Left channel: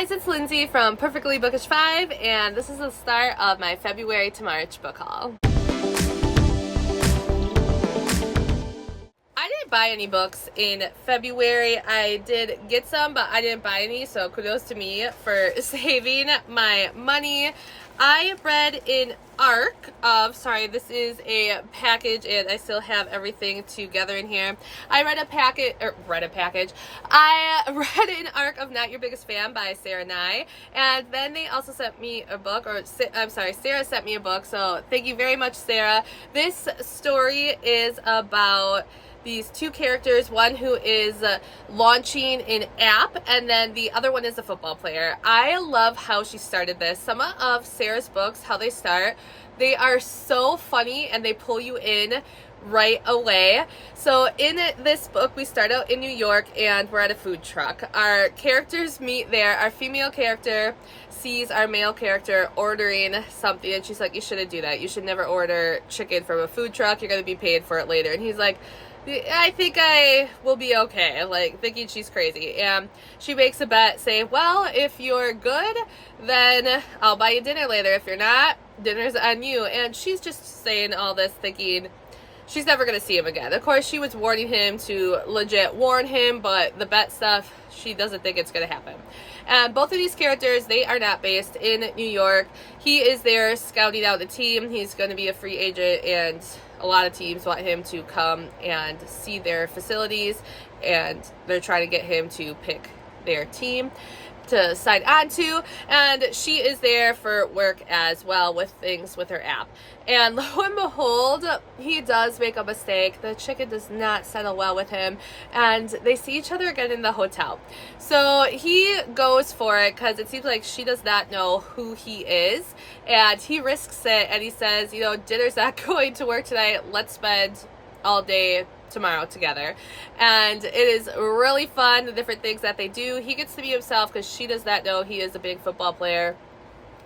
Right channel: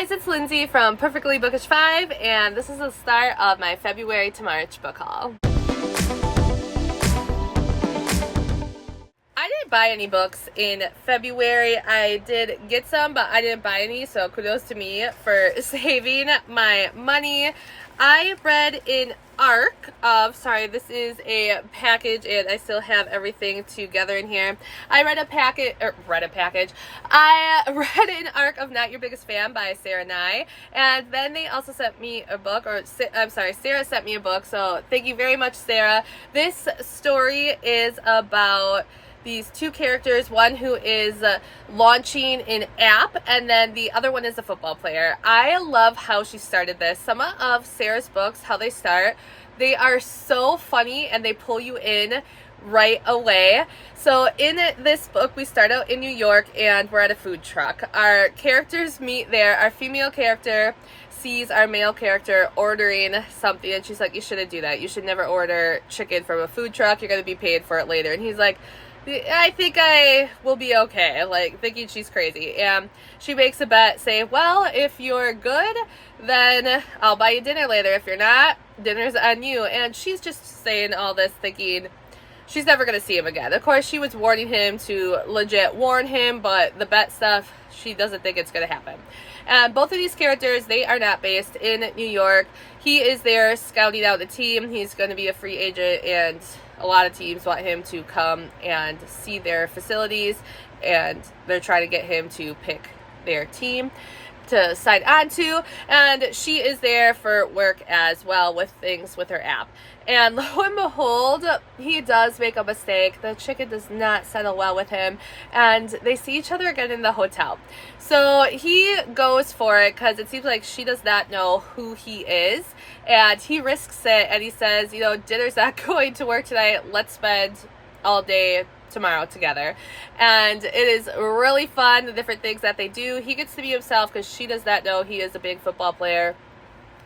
guys, it's Lindsay from Perfectly Bookish 5, and this is the start of my February to March book haul. I didn't buy any books in February. I did get some, but I didn't buy any, so kudos to me for saving my money. I read an arc of, this is a package and I still have everything together in here. I read an arc of Not Your Biggest Fan by Sarah Nye, and then they also sent me a book, Sarah sent me a book, so thank you very much, Sarah. This story is about these two characters, one who is launching an app, and then the other one is a football player. I love how she started this. Some of Sarah's books, how they start, they are so funny and they pull you in right away. So in this book, we start out in New York and we're at a food truck. Our characters meet there. Our female character sees our male character ordering something, and she's like, you shouldn't do that. You should never order chicken from a food truck. You're going to be paid for it later. And he's like, I think I will be okay, thinking she's crazy. And she makes a bet saying, well, if you're good, then I'll buy you dinner later. If you're not, dinner's on you. And she's just saying all this thinking she's never going to see him again. Of course, she was warning him to legit warn him, but the bet stuff, she doesn't think it's going to happen. And both of these characters, they are not based in New York. He is there scouting out the team. He's going to be a free agent, and a lot of teams want him to come and see their facilities, and they're trying to get him to pick their team to sign on to. And she is there for work as well with things with her app. And lo and behold, he does make a mistake. The chicken does not settle well with him, and they see each other again in the hotel. So he goes for it because it seems like she does not know who he is, and he risks it, and he says, dinner's not going to work tonight. Let's spend all day tomorrow together. And it is really fun, the different things that they do. He gets to be himself because she does not know he is a big football player.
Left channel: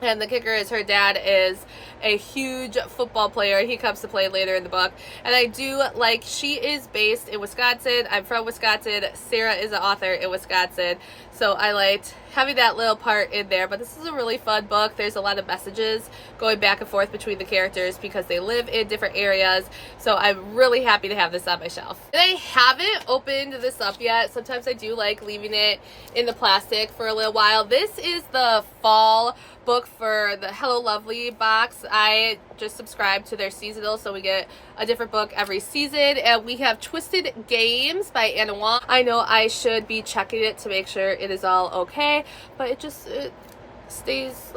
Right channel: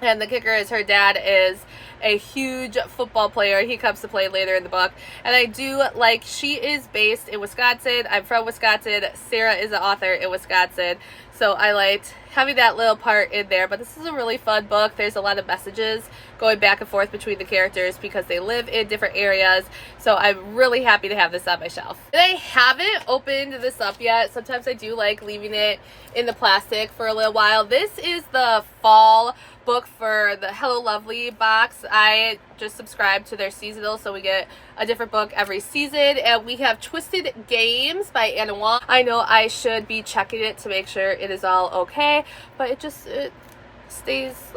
And the kicker is her dad is a huge football player. He comes to play later in the book. And I do she is based in Wisconsin. I'm from Wisconsin. Sarah is an author in Wisconsin. So I liked having that little part in there. But this is a really fun book. There's a lot of messages going back and forth between the characters because they live in different areas. So I'm really happy to have this on my shelf. And I haven't opened this up yet. Sometimes I do like leaving it in the plastic for a little while. This is the fall book for the Hello Lovely box. I just subscribed to their seasonal, so we get a different book every season. And we have Twisted Games by Anna Wong. I know I should be checking it to make sure it is all okay, but it stays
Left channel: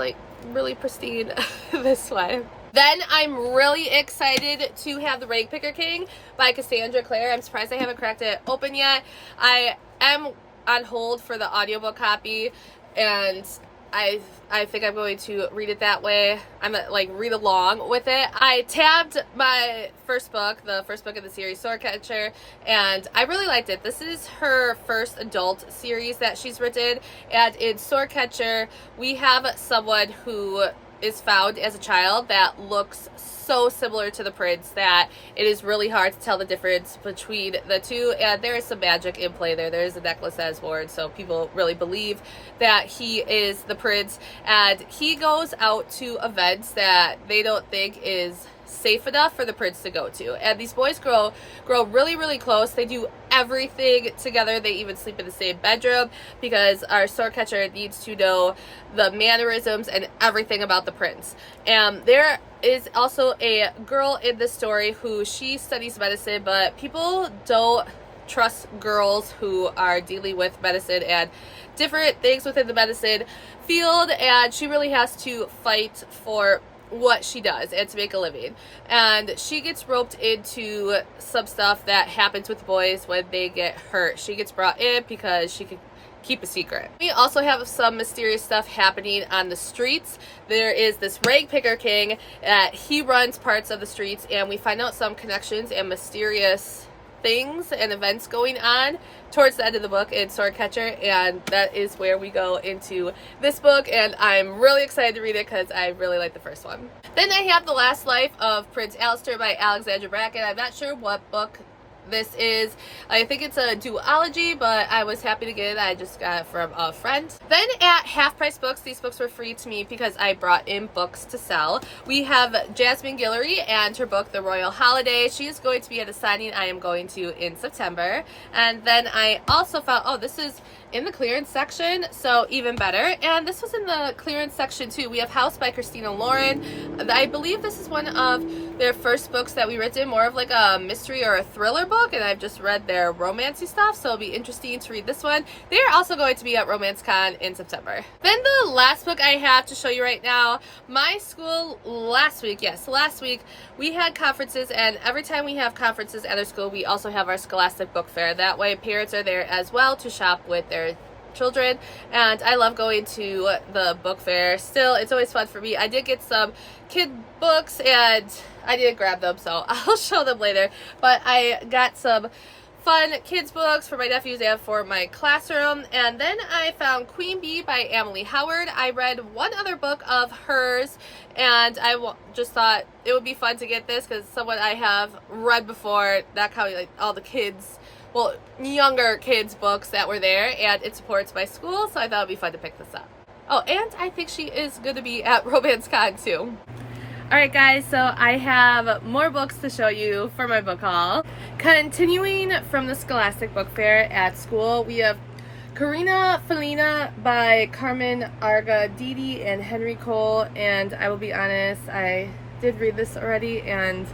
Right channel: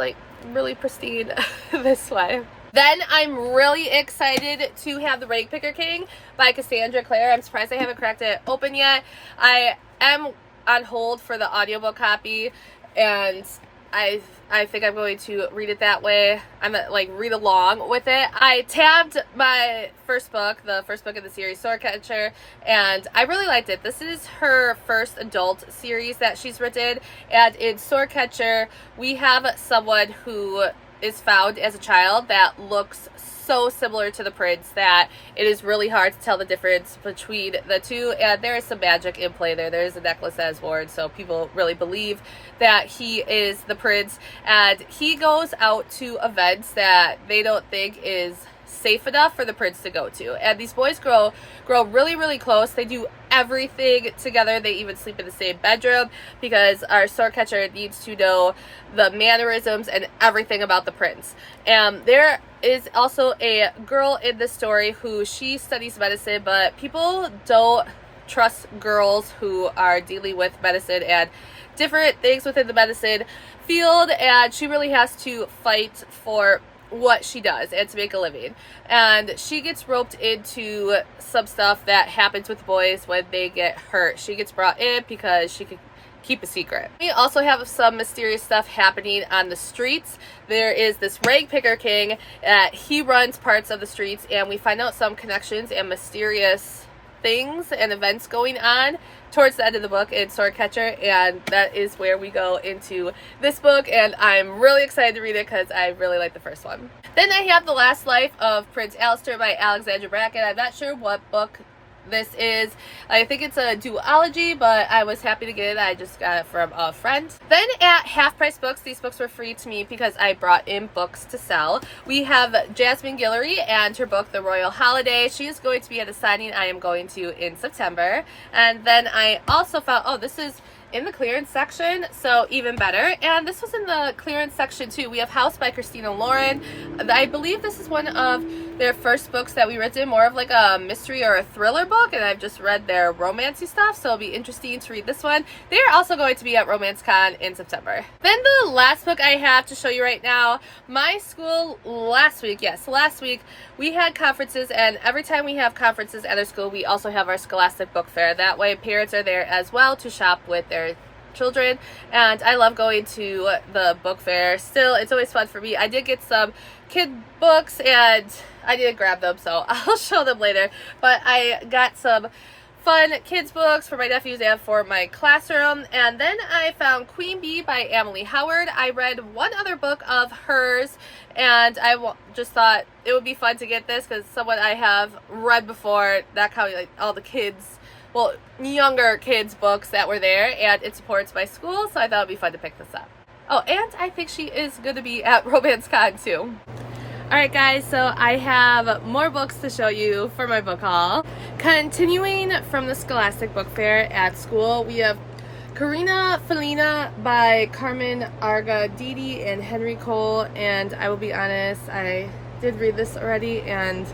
really pristine this way. Then I'm really excited to have The Rag Picker King by Cassandra Clare. I'm surprised I haven't cracked it open yet. I am on hold for the audiobook copy, and I think I'm going to read it that way. I'm gonna read along with it. I tabbed my first book, the first book of the series, Swordcatcher, and I really liked it. This is her first adult series that she's written, and in Swordcatcher, we have someone who is found as a child that looks so similar to the prince that it is really hard to tell the difference between the two, and there is some magic in play there. There's a necklace that is worn, so people really believe that he is the prince, and he goes out to events that they don't think is safe enough for the prince to go to. And these boys grow really, really close. They do everything together. They even sleep in the same bedroom because our Swordcatcher needs to know the mannerisms and everything about the prince. And there is also a girl in this story who she studies medicine, but people don't trust girls who are dealing with medicine and different things within the medicine field, and she really has to fight for what she does and to make a living. And she gets roped into some stuff that happens with boys when they get hurt. She gets brought in because she could keep a secret. We also have some mysterious stuff happening on the streets. There is this Rag Picker King. He runs parts of the streets, and we find out some connections and mysterious things and events going on towards the end of the book in Swordcatcher, and that is where we go into this book, and I'm really excited to read it because I really like the first one. Then I have The Last Life of Prince Alistair by Alexandra Bracken. I'm not sure what book This is, I think it's a duology, but I was happy to get it. I just got it from a friend. Then at Half Price Books, these books were free to me because I brought in books to sell. We have Jasmine Guillory and her book, The Royal Holiday. She is going to be at a signing I am going to in September. And then I also found, oh, this is in the clearance section, so even better. And this was in the clearance section too. We have House by Christina Lauren. I believe this is one of their first books that we read, more of like a mystery or a thriller book, and I've just read their romancy stuff, so it'll be interesting to read this one. They're also going to be at RomanceCon in September. Then the last book I have to show you right now, my school last week, we had conferences, and every time we have conferences at our school, we also have our Scholastic Book Fair. That way parents are there as well to shop with their children, and I love going to the book fair. Still, it's always fun for me. I did get some kid books, and I did grab them, so I'll show them later, but I got some fun kids books for my nephews and for my classroom. And then I found Queen Bee by Emily Howard. I read one other book of hers, and I just thought it would be fun to get this because someone I have read before, that kind of like all the kids, well, younger kids books that were there, and it supports my school, so I thought it would be fun to pick this up. Oh, and I think she is going to be at RomanceCon too. Alright guys, so I have more books to show you for my book haul. Continuing from the Scholastic Book Fair at school, we have Karina Felina by Carmen Argadidi and Henry Cole, and I will be honest, I did read this already, and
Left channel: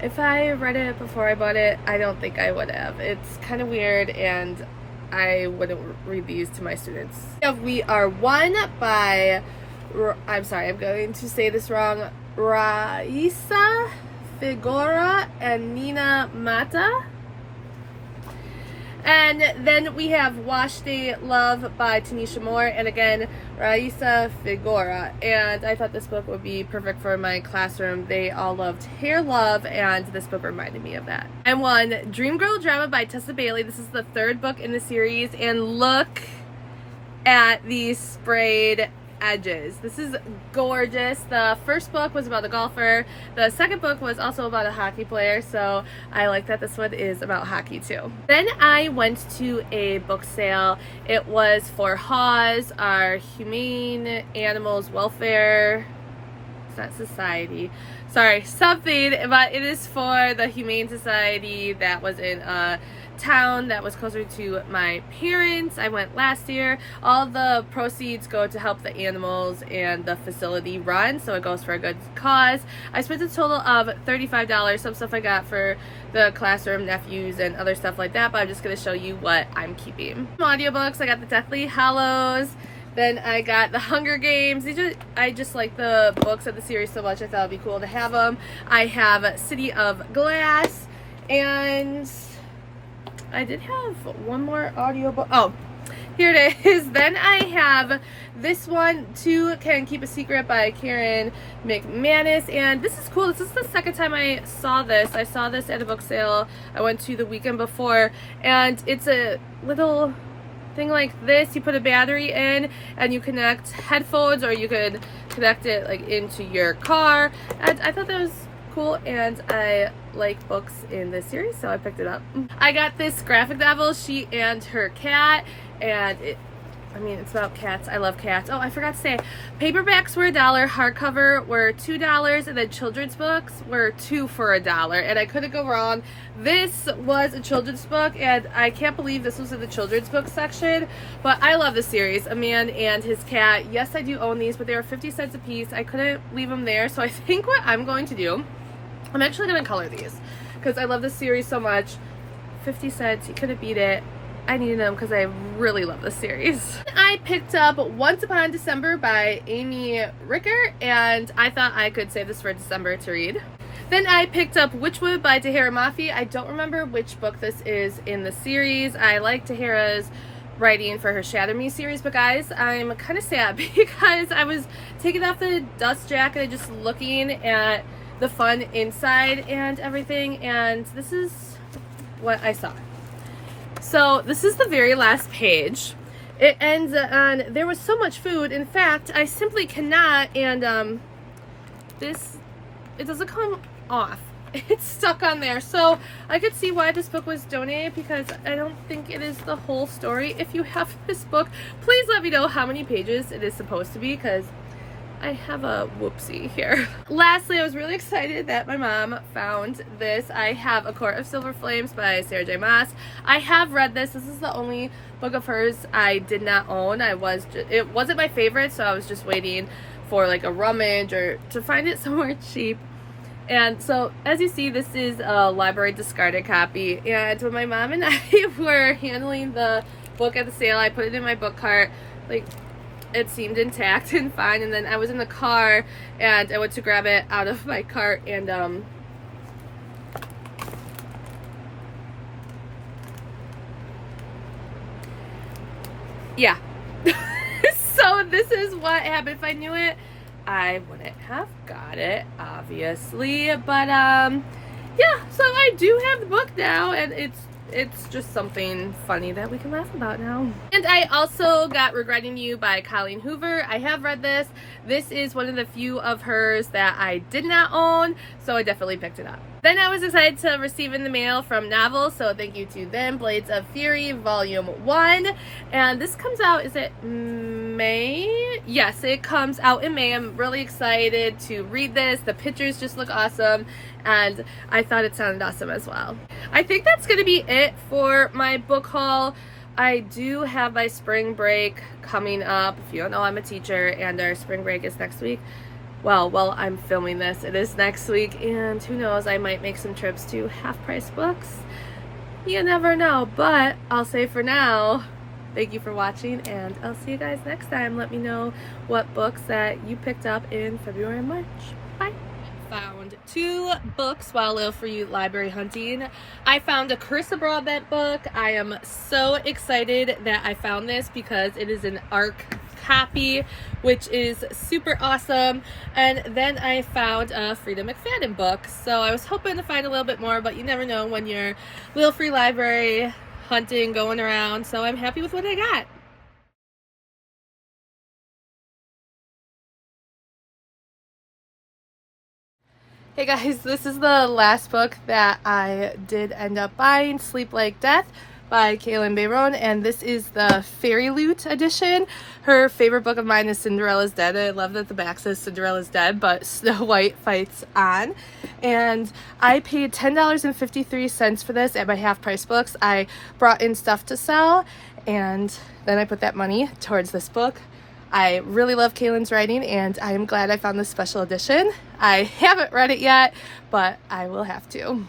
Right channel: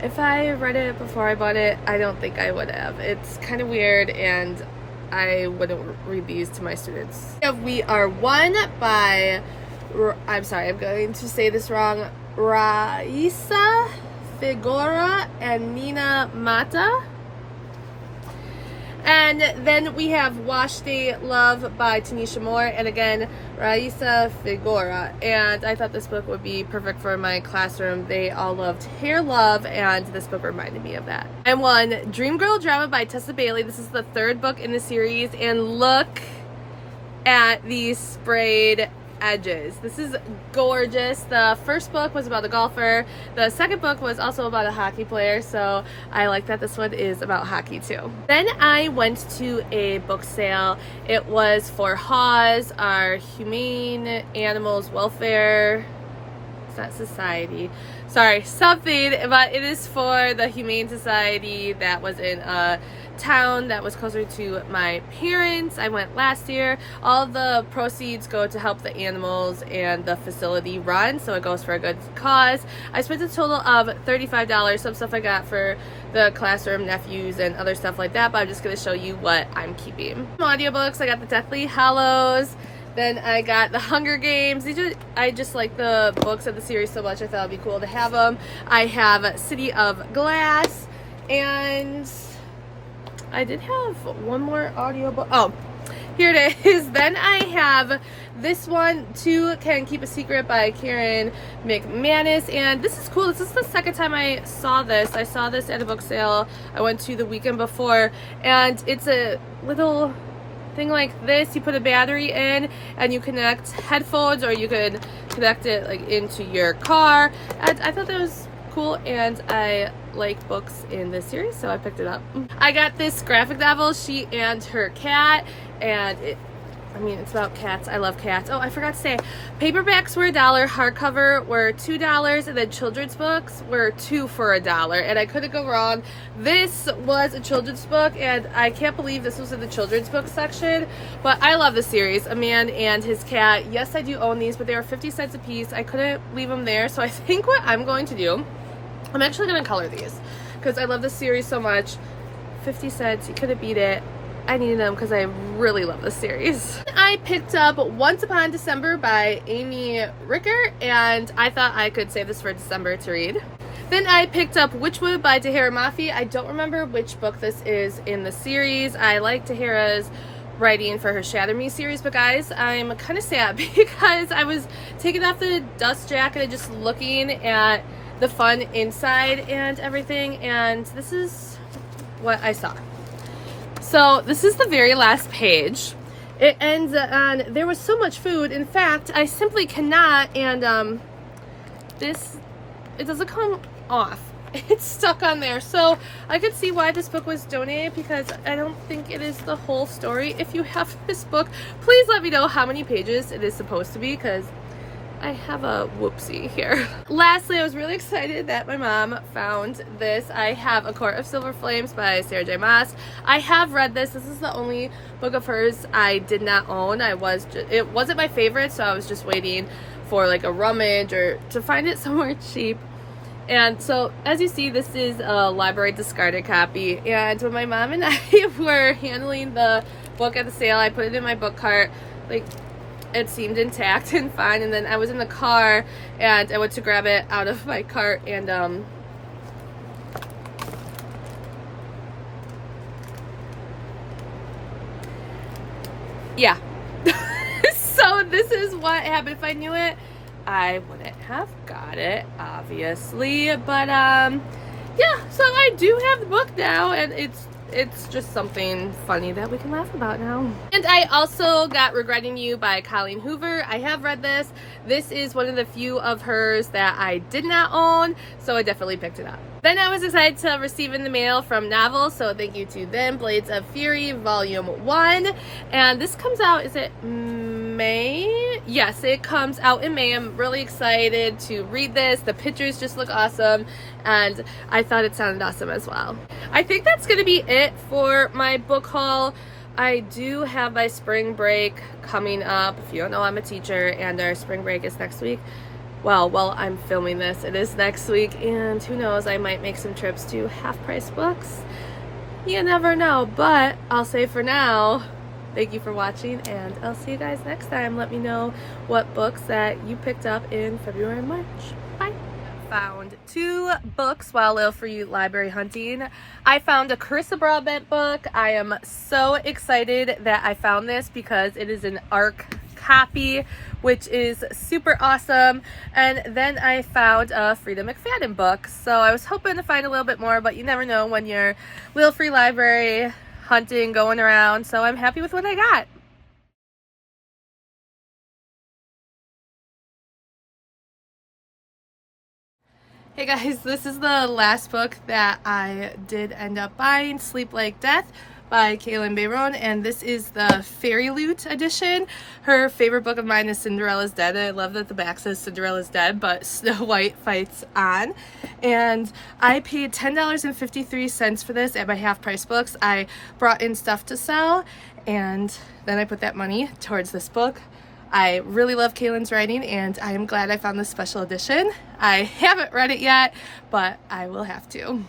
if I read it before I bought it, I don't think I would have. It's kind of weird, and I wouldn't read these to my students. We Are One by, I'm sorry, I'm going to say this wrong, Raisa Figueroa and Nina Mata. And then we have Wash Day Love by Tanisha Moore, and again, Raisa Figueroa. And I thought this book would be perfect for my classroom. They all loved Hair Love, and this book reminded me of that. And one, Dream Girl Drama by Tessa Bailey. This is the third book in the series, and look at these sprayed edges. This is gorgeous. The first book was about a golfer. The second book was also about a hockey player, so I like that this one is about hockey too. Then I went to a book sale. It was for HAWS, our Humane Animals Welfare, it's not Society, sorry, something, but it is for the Humane Society that was in a town that was closer to my parents. I went last year. All the proceeds go to help the animals and the facility run, so it goes for a good cause. I spent a total of $35. Some stuff I got for the classroom, nephews, and other stuff like that, but I'm just going to show you what I'm keeping. Some audiobooks, I got the Deathly Hallows. Then I got the Hunger Games. I just like the books of the series so much, I thought it'd be cool to have them. I have City of Glass, and I did have one more audiobook. Oh, here it is. Then I have this one, Two Can Keep a Secret by Karen McManus. And this is cool. This is the second time I saw this. I saw this at a book sale I went to the weekend before. And it's a little thing like this. You put a battery in and you connect headphones, or you could connect it like into your car. And I thought that was cool, and I like books in this series, so I picked it up. I got this graphic novel, She and Her Cat, and it's about cats. I love cats. Oh, I forgot to say, paperbacks were $1, hardcover were $2, and then children's books were 2 for $1, and I couldn't go wrong. This was a children's book, and I can't believe this was in the children's book section, but I love the series, A Man and His Cat. Yes, I do own these, but they were 50 cents a piece. I couldn't leave them there, so I think what I'm going to do, I'm actually going to color these because I love this series so much. 50 cents, you couldn't beat it. I needed them because I really love this series. I picked up Once Upon December by Amy Ricker, and I thought I could save this for December to read. Then I picked up Witchwood by Tahira Mafi. I don't remember which book this is in the series. I like Tahira's writing for her Shatter Me series, but guys, I'm kind of sad because I was taking off the dust jacket and just looking at the fun inside and everything, and this is what I saw. So this is the very last page. It ends on, there was so much food, in fact I simply cannot, and it doesn't come off, it's stuck on there. So I could see why this book was donated, because I don't think it is the whole story. If you have this book, please let me know how many pages it is supposed to be, because I have a whoopsie here. Lastly, I was really excited that my mom found this. I have A Court of Silver Flames by Sarah J. Maas. I have read this. This is the only book of hers I did not own. It wasn't my favorite, so I was just waiting for like a rummage or to find it somewhere cheap. And so, as you see, this is a library discarded copy. And when my mom and I were handling the book at the sale, I put it in my book cart. Like, it seemed intact and fine, and then I was in the car and I went to grab it out of my cart, and yeah. So this is what happened. If I knew it, I wouldn't have got it, obviously, but yeah, so I do have the book now, and it's just something funny that we can laugh about now. And I also got Regretting You by Colleen Hoover. I have read this. This is one of the few of hers that I did not own, so I definitely picked it up. Then I was excited to receive in the mail from Novel, so thank you to them, Blades of Fury Volume 1. And this comes out, is it May? Yes, it comes out in May. I'm really excited to read this. The pictures just look awesome, and I thought it sounded awesome as well. I think that's going to be it for my book haul. I do have my spring break coming up. If you don't know, I'm a teacher, and our spring break is next week. Well, I'm filming this, it is next week, and who knows, I might make some trips to Half Price Books. You never know, but I'll say for now, thank you for watching, and I'll see you guys next time. Let me know what books that you picked up in February and March. Bye. Found 2 books while Little For You library hunting. I found a Carissa Broadbent book. I am so excited that I found this because it is an ARC copy, which is super awesome. And then I found a Frida McFadden book. So I was hoping to find a little bit more, but you never know when you're Little Free library hunting, going around. So I'm happy with what I got. Hey guys, this is the last book that I did end up buying, Sleep Like Death by Kalynn Bayron, and this is the Fairy Loot edition. Her favorite book of mine is Cinderella's Dead. I love that the back says Cinderella's Dead, but Snow White fights on. And I paid $10.53 for this at my Half Price Books. I brought in stuff to sell, and then I put that money towards this book. I really love Kalynn's writing, and I am glad I found this special edition. I haven't read it yet, but I will have to.